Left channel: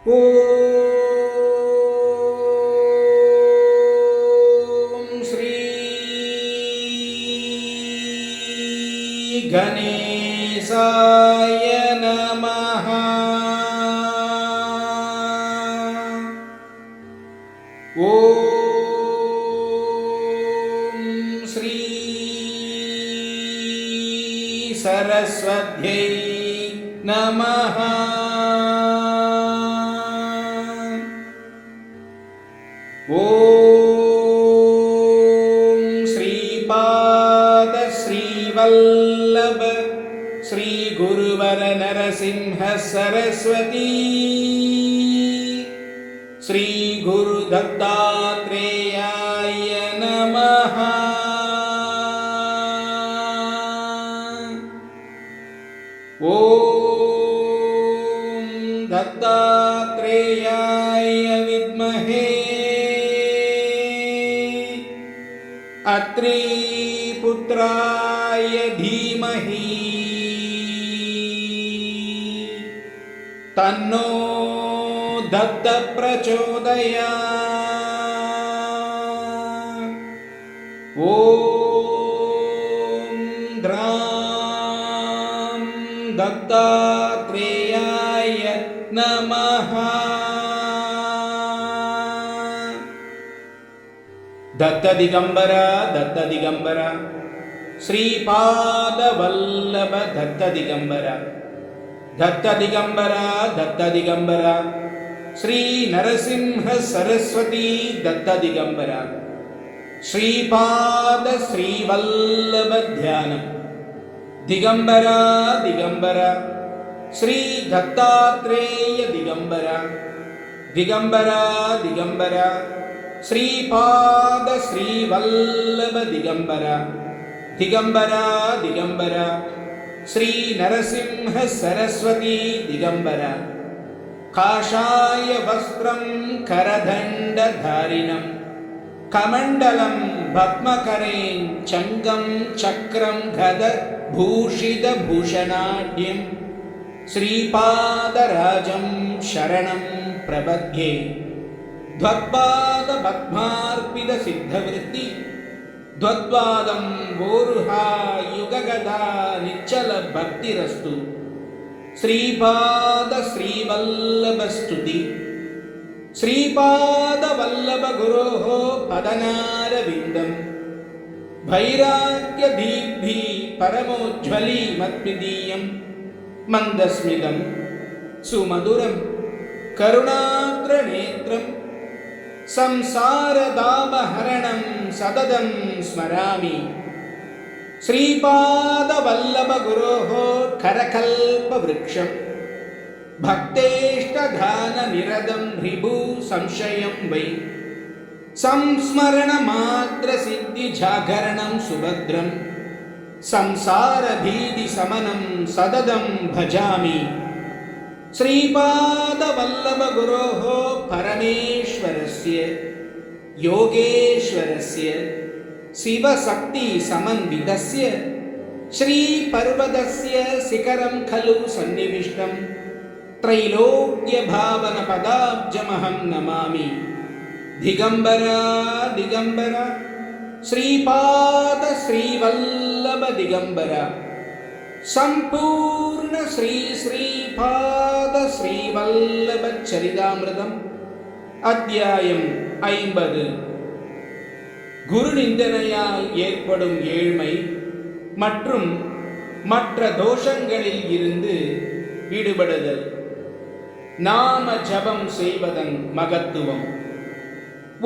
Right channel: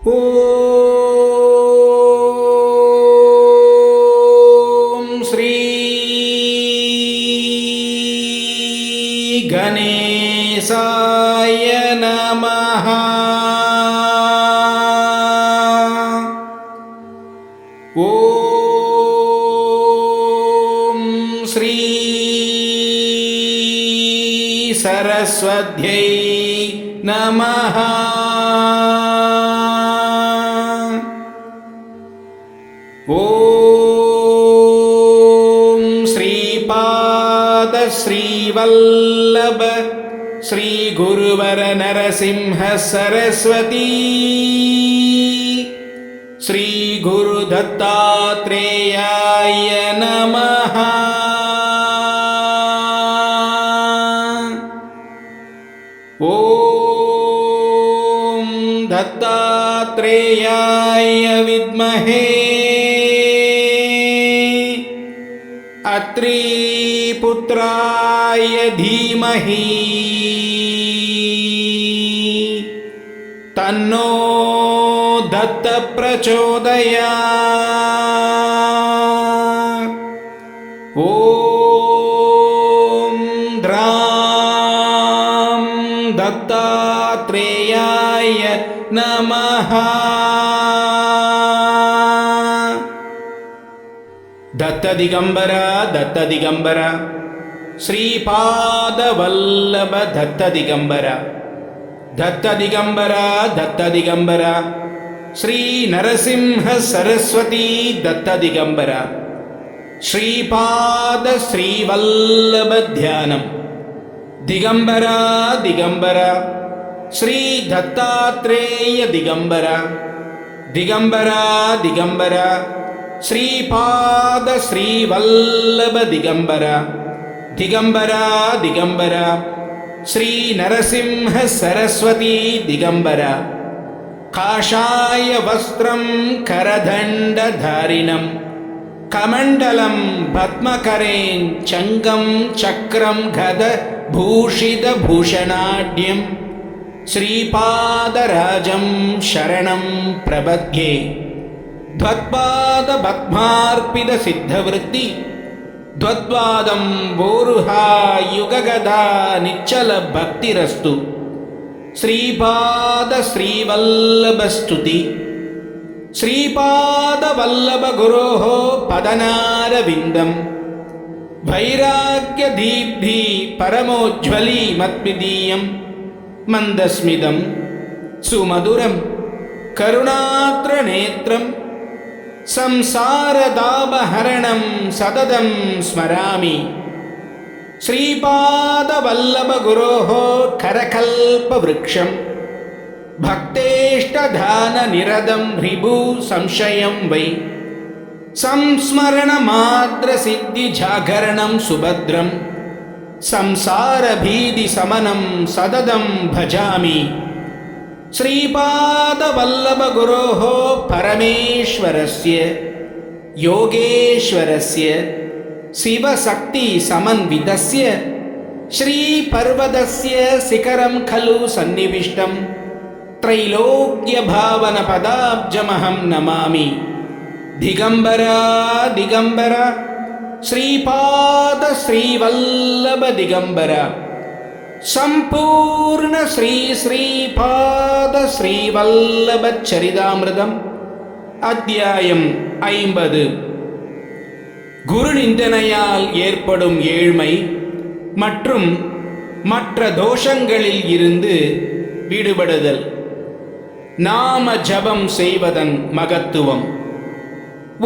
ஓம் ஸ்ரீ கணேசாய நமஹ. ஓம் ஸ்ரீ சரஸ்வத்யை நமஹ. ஓம் ஸ்ரீபாத ஸ்ரீவல்லப ஸ்ரீ குருவர நரசிம்ஹ சரஸ்வதி ஸ்ரீ குரு தத்தாத்ரேயாய நமஹ. ஓம் தத்தாத்ரேயாய வித்மஹே அத்ரி புத்ராய தீமஹி தன்னோ தத்த பிரச்சோதயாத். ஓம் த்ராம் தத்தாத்ரேயாய நமஹ. दत्त दिगंबर श्रीपाद वल्लभ दत्त दिगंबर श्री नरसिंह सरस्वती दत्त दिगंबर श्रीपाद श्रीवल्लभ ध्यानम दिगंबर श्री दत्तात्रेय दिगंबर श्रीपाद श्रीवल्लभ दिगंबर श्री नरसिंह सरस्वती दिगंबर काषाय वस्त्रं करदंडधारिणं कमंडलं पद्मकरें चंगं चक्रं गद भूषित भूषणाढ्यं श्रीपादराजं शरणं प्रपद्ये. द्वत्पाद पद्मार्पित सिद्धवृत्ति द्वत्वादं वोरुहा युगगदा निच्चल भक्तिरस्तु. श्रीपाद श्रीवल्लभ स्तुति श्रीपाद वल्लभ गुरोः पदनारविन्दं वैराग्य दीप्ति परमोज्ज्वली मत्मिदीयं मन्दस्मितं सुमधुरं करुणात्र नेत्रं संसारदापहरणं सततं स्मरामि. श्रीपादवल्लभ गुरोः करकल्पवृक्षं भक्तेष्टधाननिरतं ह्रिभु संशयं वै संस्मरणमात्रसिद्धिजागरणं सुभद्रं संसारभीतिशमनं सततं भजामि. श्रीपादवल्लभ गुरोः परमेश्वरस्य योगेश्वरस्य शिवशक्ति समन्वितस्य श्रीपर्वतस्य शिखरं खलु सन्निविष्टं त्रैलोक्यभावनपदाब्जमहं नमामि. दिगंबर श्रीपाद श्रीवल्लभ दिगंबर संपूर्ण श्री श्रीपाद श्रीवल्लभ चरितामृतम अध्यायम 50. குரு நிந்தனையால் ஏற்படும் ஏழ்மை மற்றும் மற்ற தோஷங்களில் இருந்து விடுபடுதல். நாம ஜபம் செய்வதன் மகத்துவம்.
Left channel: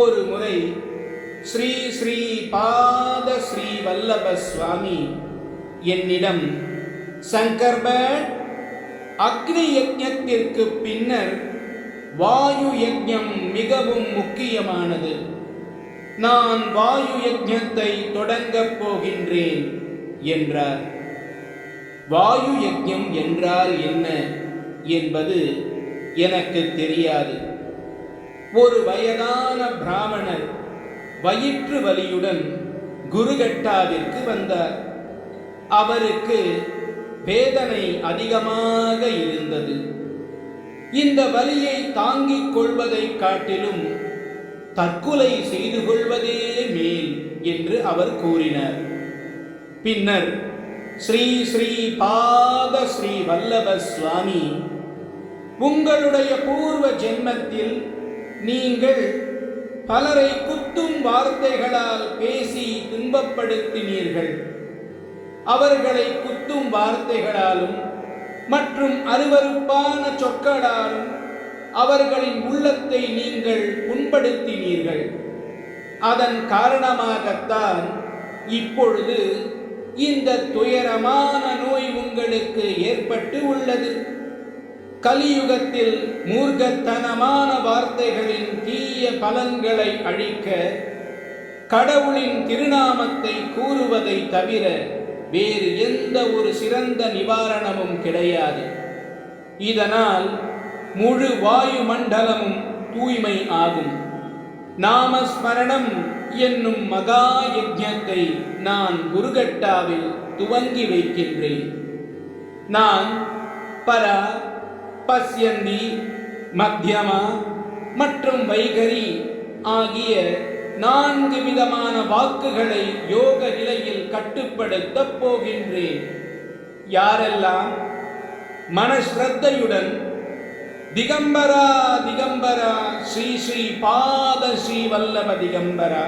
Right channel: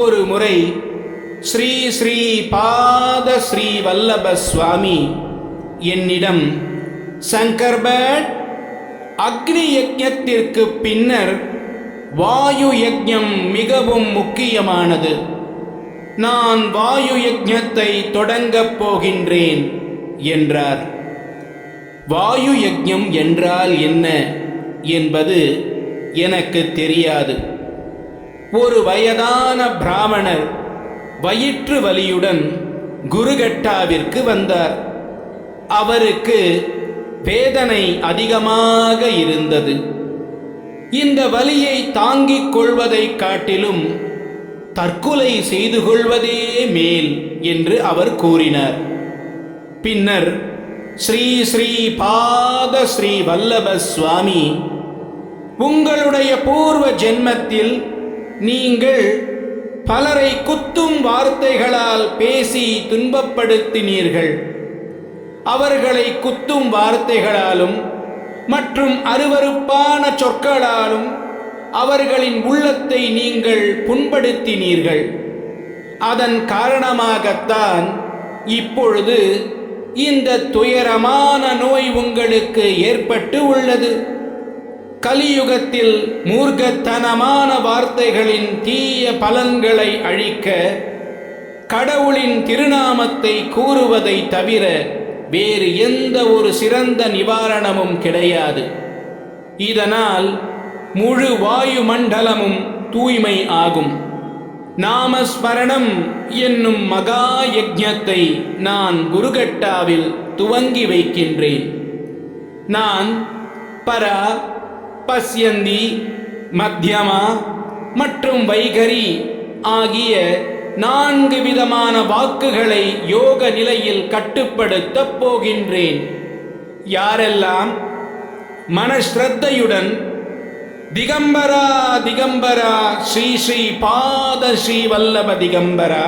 ஒரு முறை ஸ்ரீ ஸ்ரீ பாத ஸ்ரீ வல்லப சுவாமி என்னிடம், சங்கர்பட், அக்னி யஜ்ஞத்திற்கு பின்னர் வாயு யஜ்ஞம் மிகவும் முக்கியமானது. நான் வாயு யஜ்ஞத்தை தொடங்கப் போகின்றேன் என்றார். வாயு யஜ்ஞம் என்றால் என்ன என்பது எனக்கு தெரியாது. ஒரு வயதான பிராமணர் வயிற்று வலியுடன் குருகட்டாவிற்கு வந்தார். அவருக்கு வேதனை அதிகமாக இருந்தது. இந்த வலியை தாங்கிக் கொள்வதைக் காட்டிலும் தற்கொலை செய்து கொள்வதே மேல் என்று அவர் கூறினார். பின்னர் ஸ்ரீ ஸ்ரீ பாத ஸ்ரீ வல்லப சுவாமி, உங்களுடைய பூர்வ ஜென்மத்தில் நீங்கள் பலரை குத்தும் வார்த்தைகளால் பேசி துன்பப்படுத்தினீர்கள். அவர்களை குத்தும் வார்த்தைகளாலும் மற்றும் அருவருப்பான சொற்களாலும் அவர்களின் உள்ளத்தை நீங்கள் புண்படுத்தினீர்கள். அதன் காரணமாகத்தான் இப்பொழுது இந்த துயரமான நோய் உங்களுக்கு ஏற்பட்டு உள்ளது. கலியுகத்தில் மூர்க்கத்தனமான வார்த்தைகளின் தீய பலன்களை அழிக்க கடவுளின் திருநாமத்தை கூறுவதை தவிர வேறு எந்த ஒரு சிறந்த நிவாரணமும் கிடையாது. இதனால் முழு வாயு மண்டலமும் தூய்மை ஆகும். நாமஸ்மரணம் என்னும் மகா யஜ்ஞத்தை நான் குருகட்டாவில் துவங்கி வைக்கின்றேன். நான் பரா, பஸ்யந்தி, மத்தியமா மற்றும் வைகரி ஆகிய 4 விதமான வாக்குகளை யோக நிலையில் கட்டுப்படுத்தப் போகின்றேன். யாரெல்லாம் மனஸ்ரத்தையுடன் திகம்பரா திகம்பரா ஸ்ரீ ஸ்ரீ பாத ஸ்ரீ வல்லப திகம்பரா,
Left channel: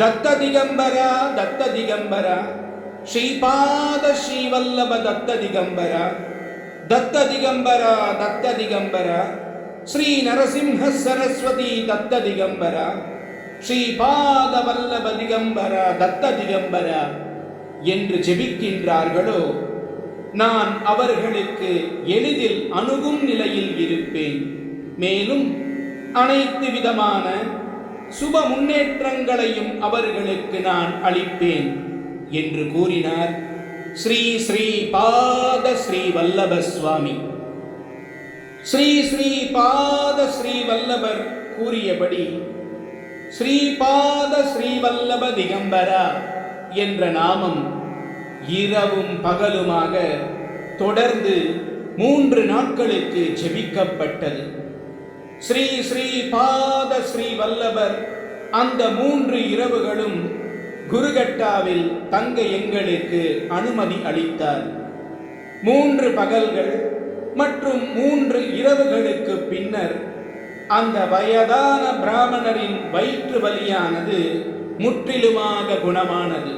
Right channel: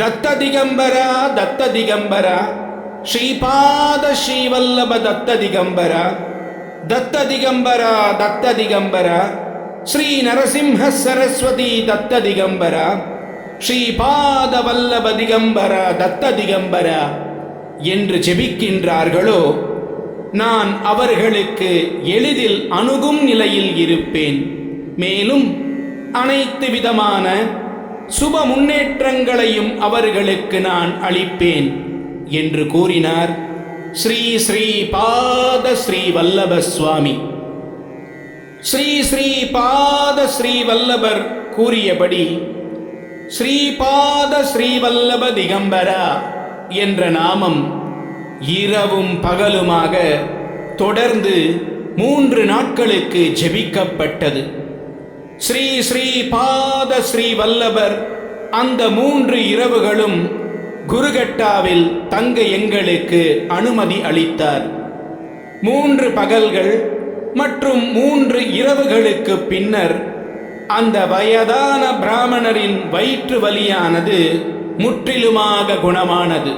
தத்த திகம்பரா தத்த திகம்பரா, ஸ்ரீபாத ஸ்ரீ வல்லப தத்த திகம்பரா, தத்த திகம்பரா தத்த திகம்பரா, ஸ்ரீ நரசிம்ஹ சரஸ்வதி தத்த திகம்பரா, ஸ்ரீபாத வல்லப திகம்பரா தத்த திகம்பரா என்று ஜெபிக்கின்றார்களோ, நான் அவர்களுக்கு எளிதில் அணுகும் நிலையில் இருப்பேன். மேலும் அனைத்து விதமான சுப முன்னேற்றங்களையும் அவர்களுக்கு நான் அளிப்பேன் என்று கூறினார் ஸ்ரீ ஸ்ரீ பாத ஸ்ரீ வல்லப சுவாமி. ஸ்ரீ ஸ்ரீ பாத ஸ்ரீ வல்லபர் கூறியபடி ஸ்ரீபாத ஸ்ரீவல்லப திகம்பரா என்ற நாமம் இரவும் பகலுமாக தொடர்ந்து 3 நாட்களுக்கு ஜெபிக்கப்பட்டது. ஸ்ரீ ஸ்ரீ பாத ஸ்ரீ வல்லபர் அந்த 3 இரவுகளும் குருகட்டாவில் தங்க எங்களுக்கு அனுமதி அளித்தார். 3 பகல்கள் மற்றும் 3 இரவுகளுக்கு பின்னர் அந்த வயதான பிராமணரின் வயிற்று வலியானது முற்றிலுமாக குணமானது.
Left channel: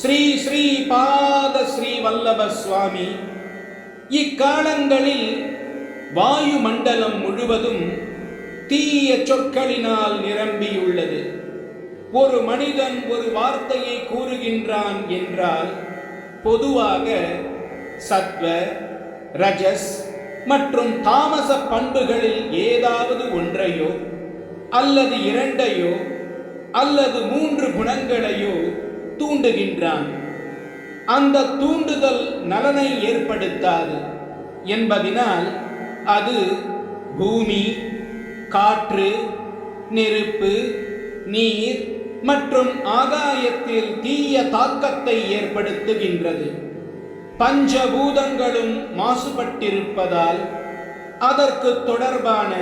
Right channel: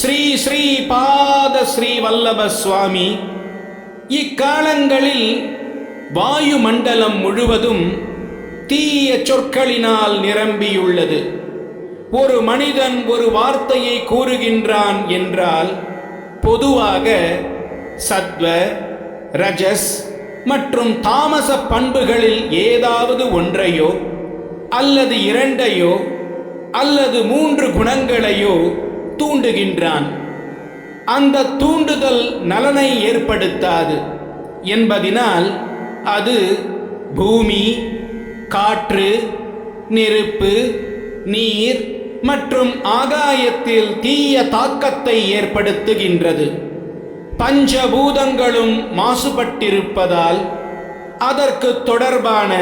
ஸ்ரீ ஸ்ரீ பாத ஸ்ரீ வல்லப சுவாமி இக்காலங்களில் வாயு மண்டலம் முழுவதும் தீய சொற்களினால் நிரம்பியுள்ளது. ஒரு மனிதன் ஒரு வார்த்தையை கூறுகின்றான் என்றால் பொதுவாக சத்வ, ரஜஸ் மற்றும் தாமச பண்புகளில் ஏதாவது ஒன்றையோ அல்லது 2ஐயோ அல்லது 3 குணங்களையோ தூண்டுகின்றான். அந்த தூண்டுதல் நலனை ஏற்படுத்தாது என்பதினால் அது பூமி, காற்று, நெருப்பு, நீர் மற்றும் ஆகாயத்தில் தீய தாக்கத்தை ஏற்படுத்துகின்றது. பஞ்சபூதங்களும் மாசுபட்டிருப்பதால் அதற்கு தொடர்பான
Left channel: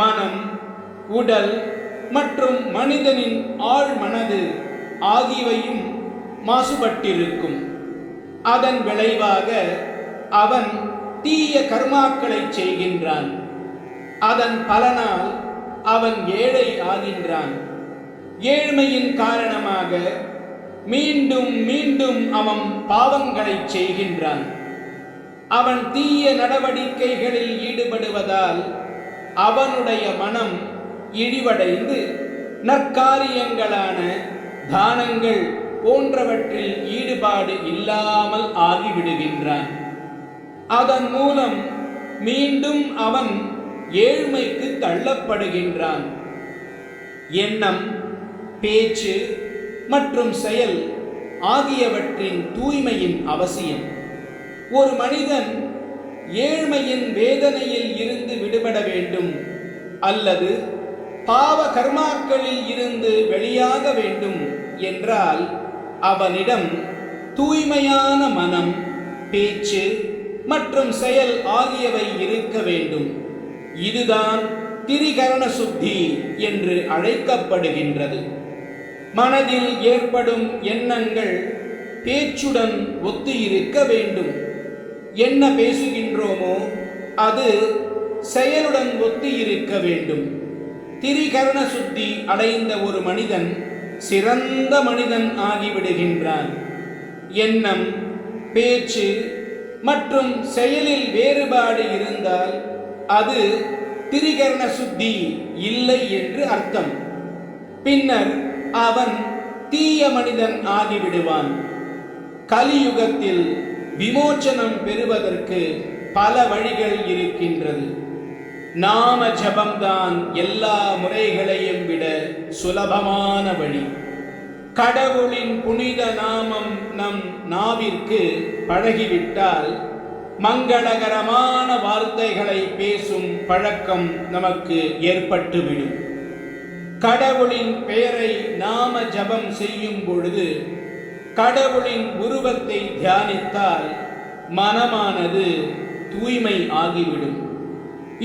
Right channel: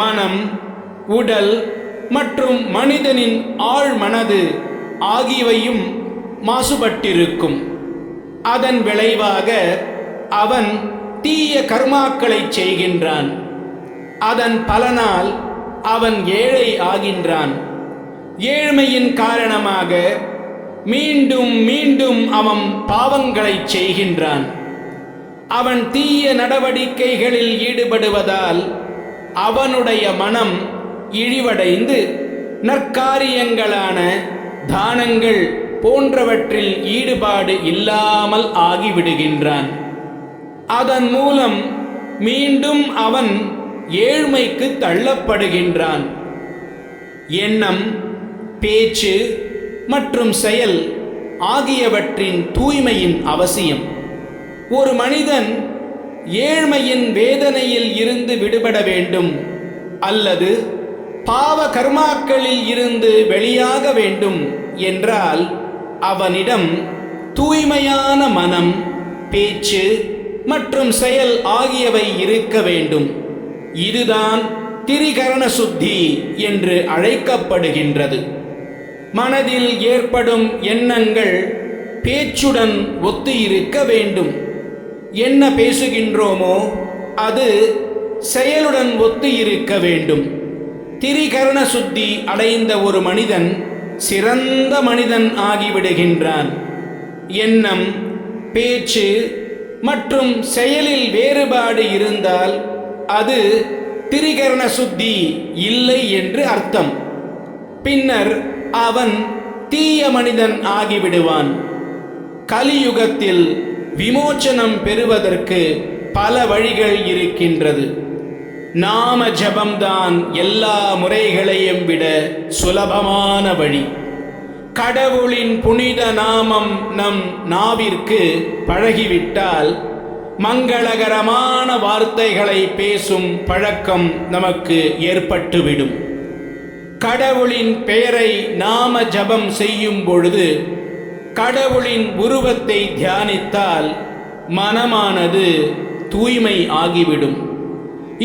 மனம், உடல் மற்றும் மனிதனின் ஆழ்மனது ஆகியவையும் மாசுபட்டிருக்கும். அதன் விளைவாக அவன் தீய கர்மாக்களை செய்கின்றான். அதன் பலனால் அவன் ஏழை ஆகின்றான். ஏழ்மையின் காரணமாக மீண்டும் மீண்டும் அவன் பாவங்களை செய்கின்றான். அவன் தீய நடவடிக்கைகளில் ஈடுபடுவதால் அவனுடைய மனம் இழிவடைந்து நற்காரியங்களான தானங்கள் போன்றவற்றில் ஈடுபாடு இல்லாமல் ஆகிவிடுகின்றான். அதன் மூலம் மீண்டும் அவன் ஏழ்மைக்கு தள்ளப்படுகின்றான். எண்ணம், பேச்சு மற்றும் செயல் ஆகியவற்றின் தூய்மையின் அவசியம். ஒரு மனிதன் ஏழ்மையின் வேதனையில் இருந்து விடுபட வேண்டும் அல்லது பாவ கர்மாக்களில் இருந்து வெளியாக வேண்டும் என்றால் அவனிடம் தூய்மையான மனம், பேச்சு மற்றும் செயல் ஆகியவை இருக்க வேண்டும். இதுதான் திரிகரண சுத்தி என்று அழைக்கப்படுகின்றது. மனதில் ஏற்படும் எண்ணங்கள் பேச்சுடன் ஒத்து இருக்க வேண்டும். என்ன பேசுகின்றோமோ அது செயலுடன் ஒத்து இருக்க வேண்டும். திரிகரண சுத்தி அடைந்த ஒரு மனிதன் சிறந்த மனிதன் ஆகிவிடுகின்றான். எண்ணம், பேச்சு மற்றும் செயலில் வேறுபாடு இருந்தால் அது திரிகரண சுத்தி இல்லை என்று அர்த்தம். பின்னர் அவன் தீய மனிதன் ஆகிவிடுவான். கலியுகத்தில் விமோச்சனம் பெறுவதற்கு பல வழிகள் இருக்கின்றது. நாம ஜபம்தான் எல்லா முறைகளையும் விட சுலபமான வழி. கடவுளின் புனித நாமம் நம் நாவிற்கு பழகிவிட்டால் மங்களகரமான வார்த்தைகளை பேசும் பழக்கம் நமக்கு ஏற்பட்டுவிடும். கடவுளின் பெயரை நாம ஜபம் செய்யும் பொழுது கடவுளின் உருவத்தை தியானித்தால் மனமானது தூய்மை ஆகிவிடும்.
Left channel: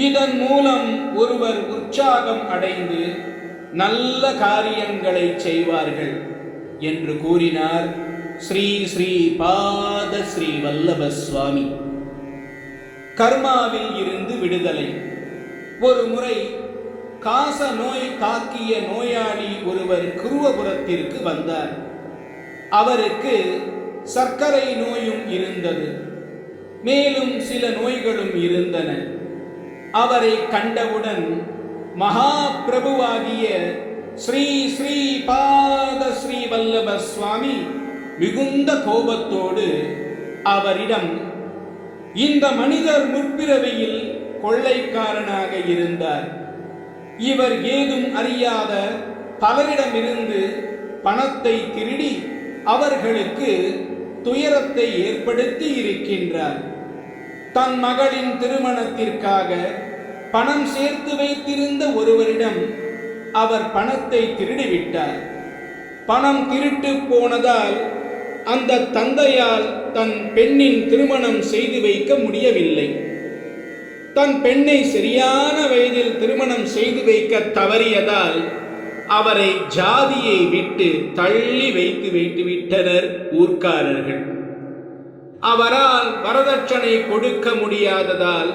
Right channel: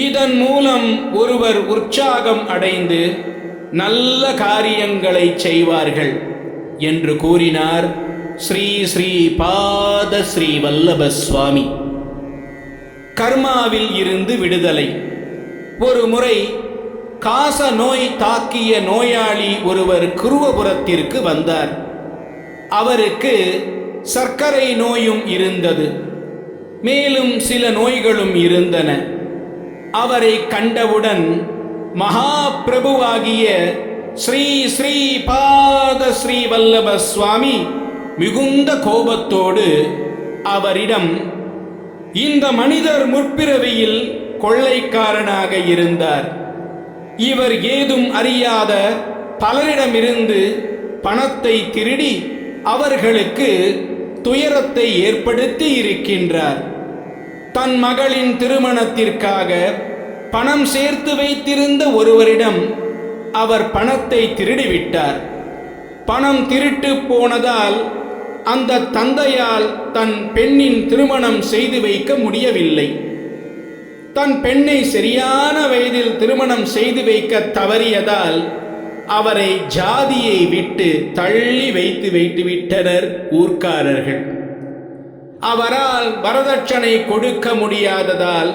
இதன் மூலம் ஒருவர் உற்சாகம் அடைந்து நல்ல காரியங்களை செய்வார்கள் என்று கூறினார் ஸ்ரீ ஸ்ரீ பாத ஸ்ரீ வல்லப சுவாமி. கர்மாவில் இருந்து விடுதலை. ஒரு முறை காச நோய் தாக்கிய நோயாளி ஒருவர் குருவபுரத்திற்கு வந்தார். அவருக்கு சர்க்கரை நோயும் இருந்தது. மேலும் சில நோய்களும் இருந்தன. அவரை கண்டவுடன் மகா பிரபுவாகிய ஸ்ரீ ஸ்ரீ பாத ஸ்ரீ வல்லப சுவாமி மிகுந்த கோபத்தோடு அவரிடம், இந்த மனிதர் முற்பிறவியில் கொள்ளைக்காரனாக இருந்தார். இவர் ஏதும் அறியாத பலரிடமிருந்து பணத்தை திருடி அவர்களுக்கு துயரத்தை ஏற்படுத்தி இருக்கின்றார். தன் மகளின் திருமணத்திற்காக பணம் சேர்த்து வைத்திருந்த ஒருவரிடம் அவர் பணத்தை திருடிவிட்டார். பணம் திருட்டு போனதால் அந்த தந்தையால் தன் பெண்ணின் திருமணம் செய்து வைக்க முடியவில்லை. தன் பெண்ணை சரியான வயதில் திருமணம் செய்து வைக்க தவறியதால் அவரை ஜாதியை விட்டு தள்ளி வைத்து விட்டனர் ஊர்க்காரர்கள். அவரால் வரதட்சணை கொடுக்க முடியாததால்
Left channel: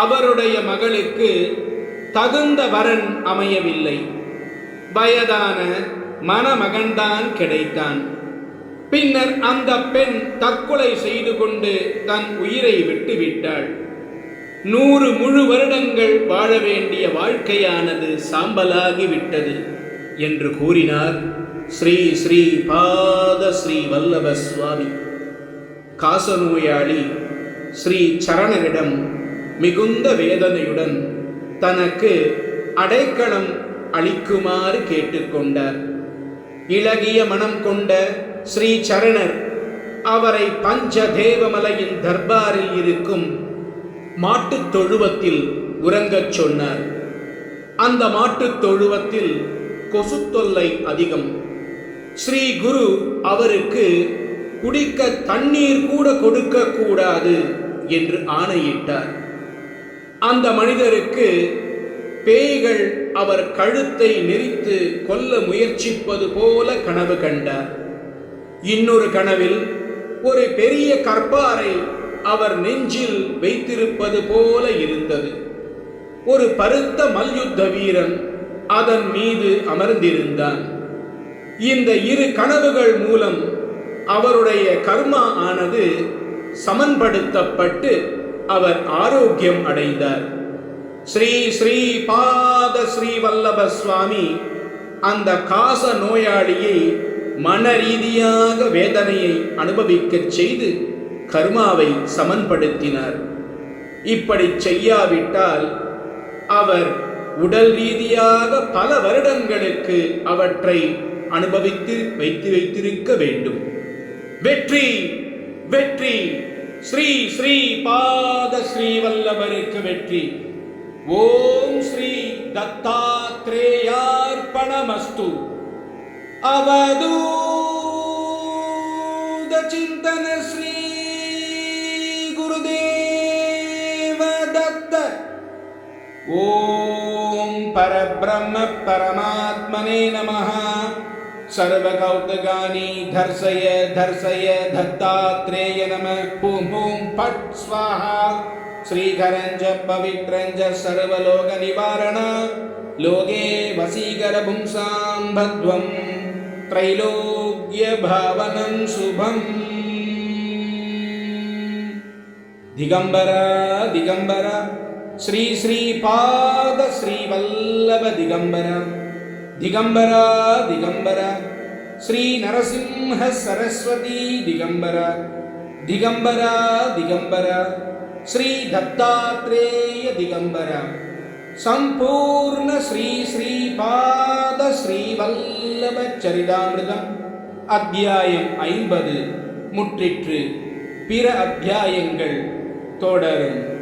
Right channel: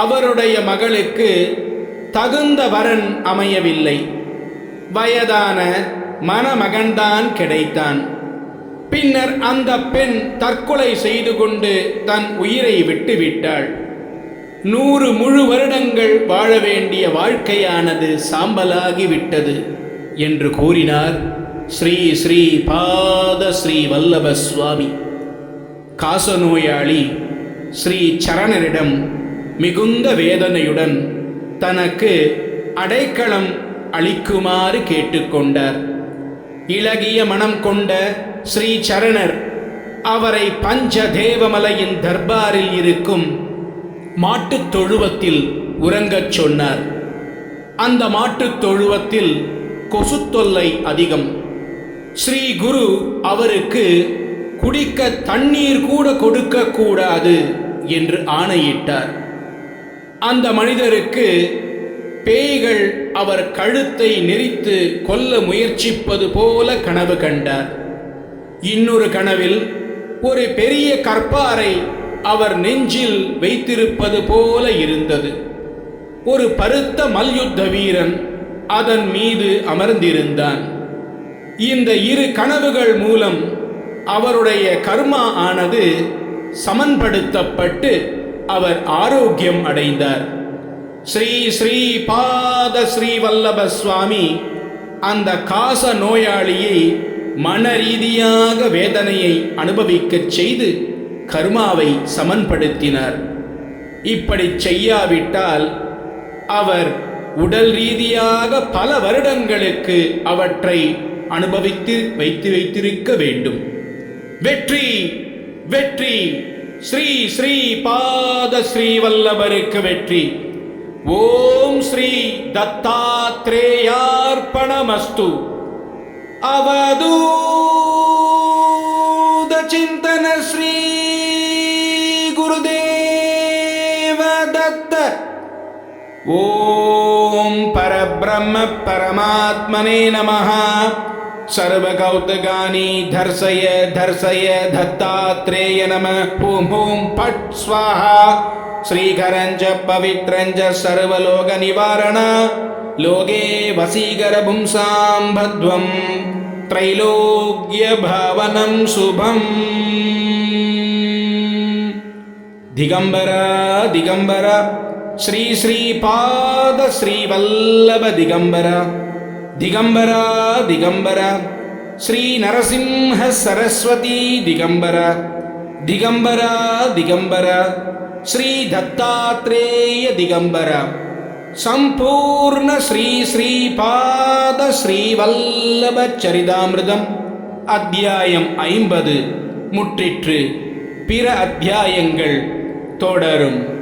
அவருடைய மகளுக்கு தகுந்த வரன் அமையவில்லை. வயதான மணமகன்தான் கிடைத்தான். பின்னர் அந்த பெண் தற்கொலை செய்து கொண்டு தன் உயிரை விட்டுவிட்டாள். 100 முழு வருடங்கள் வாழ வேண்டிய வாழ்க்கையானது சாம்பலாகிவிட்டது என்று கூறினார் ஸ்ரீ ஸ்ரீ பாத ஸ்ரீ வல்லப சுவாமி. காசநோயாளி ஸ்ரீ சரணரிடம் மிகுந்த வேதனையுடன் தனக்கு அடைக்கலம் அளிக்குமாறு கேட்டுக்கொண்டார். இளகிய மனம் கொண்ட ஸ்ரீ சரணர் அவரை பஞ்சதேவமலையின் தர்பாரில் இருக்கும் மாட்டுத் தொழுவத்தில் உறங்கச் சொன்னார். அந்த மாட்டுத் தொழுவத்தில் கொசு தொல்லை அதிகம். ஸ்ரீ குரு அவருக்கு குடிக்க தண்ணீர் கூட கொடுக்க கூடாது என்று ஆணையிட்டார். அந்த மனிதருக்கு பேய்கள் அவர் கழுத்தை நெரித்து கொல்ல முயற்சிப்பது போல கனவு கண்டார். இன்னொரு கனவில் ஒரு பெரிய கற்பாரை அவர் நெஞ்சில் வைத்திருப்பது போல இருந்தது. ஒரு பருத்த மல்யுத்த வீரன் அதன் மீது அமர்ந்திருந்தான். இந்த 2 கனவுகள் மூலம் அவருடைய கர்மா ஆனது சமன்படுத்தப்பட்டு அவர் ஆரோக்கியம் அடைந்தார். ஸ்ரீ ஸ்ரீ பாத ஸ்ரீ வல்லப சுவாமி அந்த காச நோயாளியை மன ரீதியாக வேதனையை அனுபவிக்கச் செய்து கர்மாவை சமன்படுத்தினார். இப்படி செய்யாவிட்டால் அவர் உடல் ரீதியாக பல வருடங்களுக்கு அவற்றை அனுபவித்து வைத்திருக்க வேண்டும். வெற்றி வெற்றி! ஸ்ரீ ஸ்ரீ பாத ஸ்ரீ வல்லபருக்கு வெற்றி! ஓம் ஸ்ரீ தத்தாத்ரேயார்ப்பணமஸ்து. அவதூத சிந்தன ஸ்ரீ குருதேவ ஓம் பரபிரம்ம பரமாத்மனே நமः. சர்வகௌதகானி தர்சய தர்சய தத்தாத்ரேய நமः. ஓம் ஓம் பட் ஸ்வாஹா. ஸ்ரீகரஞ்ச பவித்ரஞ்ச சர்வலோக நிவாரண லோகே வசீகர பும்சாம் பத்வம் த்ரைலோக்ய பவனம் சுபம். திகம்பர திகம்பர ஸ்ரீ ஸ்ரீபாத ஸ்ரீவல்லப திகம்பர. திகம்பர திகம்பர ஸ்ரீ நரசிம்ஹ சரஸ்வதி திகம்பர. திகம்பர திகம்பர ஸ்ரீ தத்தாத்ரேய திகம்பர. சம்பூர்ண ஸ்ரீ ஸ்ரீபாத ஸ்ரீவல்லப சரிதாமிருதம் அத்தியாயம் 50 முற்றிற்று. பிற அத்தியாயங்கள் தொடரும்.